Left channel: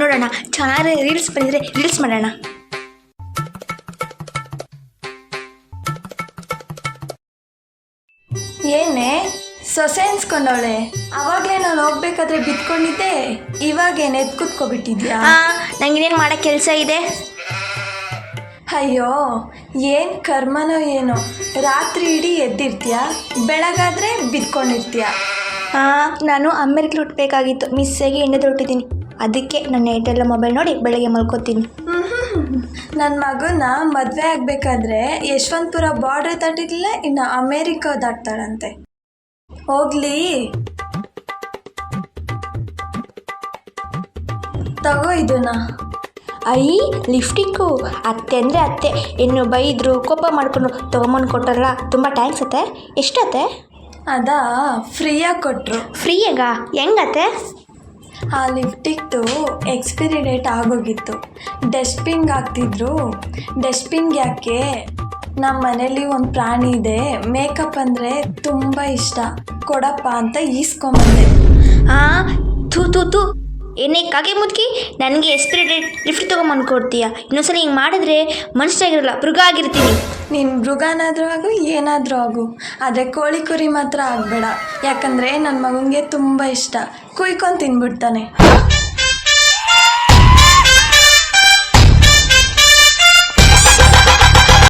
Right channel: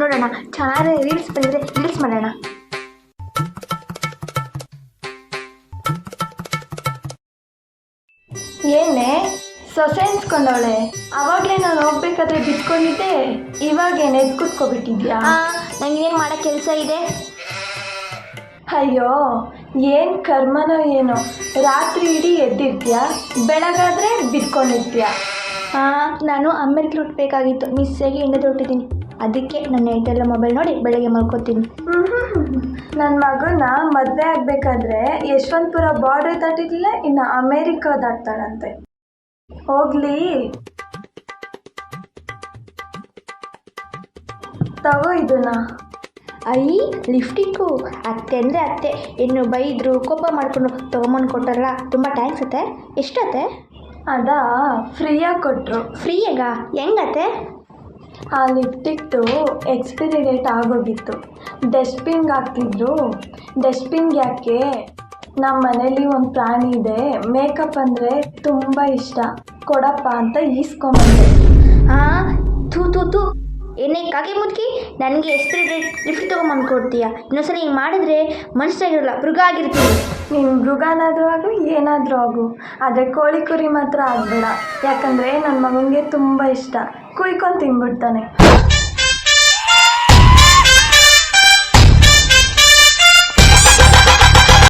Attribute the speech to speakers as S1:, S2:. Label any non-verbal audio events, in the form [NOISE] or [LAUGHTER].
S1: ನೋಡೋಣ. ಚೆನ್ನಾಗಿ ರೀಲ್ಸ್ ಬಂದರೆ ರೀಲ್ಸ್ ಮಾಡೋಣ.
S2: ಏನೇ ಸೊಸೆ ಅನ್ಸ್ಕೊಂಡವಳೆ. ಅವಾಗಲೇ ನಾನು ಹೋಗ್ಬೇಕಾದ್ರೆ ಬಿತ್ಕೊಂಡಿದ್ದೆ. ಇವಾಗೇನೆ ಎದ್ ಕೂತ್ಕೊಬಿಟ್ಟಿದ್ಯಾ?
S1: ನಂಗೆ ನಂಗೇನೇನು ಮಾಡೋ ಕೆಲಸ ಇದೆ?
S2: ಅಯ್ಯೋ ಏನು ಕರ್ಮನೋ ಏನೋ. ರಾತ್ರಿ ಇಡೀ ಎದ್ದಿರ್ತೀಯ? ಬೆಳಗಾದ್ರೆ ಬಿದ್ಕೊಂಡಿರ್ತೀಯ
S1: ಹಾ ನಾನು ಅಮೆರಿಕ ಹುಟ್ಟಬೇಕಾಗಿತ್ತು ಮಿಸ್ಸಾಗಿ ಎಣ್ಣೆ ತೊಟ್ಟಿದ್ದೀನಿ. ಅದಕ್ಕೆ ನನ್ನ ಏಟೆಲ್ಲ ಮೊಬೈಲ್ ನೋಡಿ ಬೆಳಗ್ಗೆ ಮಲ್ಕೋತೀನಿ. [LAUGHS]
S2: ನನ್ನ ಮಗನ ಮದುವೆ ಆಗಬೇಕಾದ್ರೆ ಯಶವಂತಪುರ ಬಾರ್ಡರ್ ದಾಟಿರ್ಲಿಲ್ಲ ಇನ್ನು ಅಮೇರಿಕ ದಾಟ್ತಾಳಂತೆ. ಹೋಗ್ಲಿ. ತಗೋ ಇದನ್ನ.
S1: ಐ ಲಿಫ್ಟಿಕ್ಕು ಅತ್ತೆ ಅಂದರೆ ಅತ್ತೆ. ಇನ್ನು ಬೈದರು ಕೋಪ ಮಾಡ್ಕೊಂಡು ತೊಗೊಂಬಂದು ಕೊಟ್ಟಾರಲ್ಲ ತುಂಬ ಟ್ಯಾಂಕ್ಸ್ ಅತ್ತೆ. ಎಷ್ಟತ್ತೆ?
S2: ಅದಾ ಫ್ರೀಯಾಗಿ ಕೊಟ್ಟರು
S1: ಫ್ರೀಯಾಗ? ಹೆಂಗತ್ತೆ?
S2: ಆ ಲಿಫ್ಟಿಕ್ದು ಎಕ್ಸ್ಪೈರಿ ಡೇಟ್ ಆಗೋಗಿತ್ತು. ಡಸ್ಟ್ಬಿನ್ಗೆ ಹಾಕ್ತಿದ್ರು. ಡಸ್ಟ್ಬಿನ್ಗೆ ಯಾಕೆ? ನಮ್ಮ ಮನೇಲಿ ಒಂದು ಪ್ರಾಣಿ ಇದೆ. ಮೇಕಪ್ ಅಂದರೆ ತುಂಬ ಇಷ್ಟ. ಕೊಡಪ್ಪ ಅಂತ ಈಸ್ಕೊಂಬಂದೆ
S1: ಹಾಂ ಥೂ ಥೂ ಥೂ. ಏನೇ ಕಾಗೆ ಮುದುಕಿ, ನನಗೆ ಎಸ್ಪಿರೇಟೆಡ್ ಗಿಫ್ಟ್ ತೊಗೊಂಬಂದು ಕೊಡ್ತೀಯ? ಇನ್ನೊಂದ್ಸಲ ಹಿಂಗೆ ಮಾಡಿದ್ರೆ ಮನುಷ್ಯರಾಗಿರಲ್ಲ ಮೃಗ ಆಗಿರ್ತೀನಿ.
S2: ನೀನು ಮೃಗನಾದರೂ ಆಗು, ಏನಾದರೂ ಆಗು. ಆದರೆ ಕೋಳಿ ಕುರಿ ಮಾತ್ರ ಆಗಬೇಡ. ಯಾಕಂದರೆ ನನ್ನ ಮಗನಿಗೆ ತುಂಬ ಇಷ್ಟ. ಕುಯ್ಕೊಂಡು ತಿನ್ಬಿಡ್ತಾನೆ.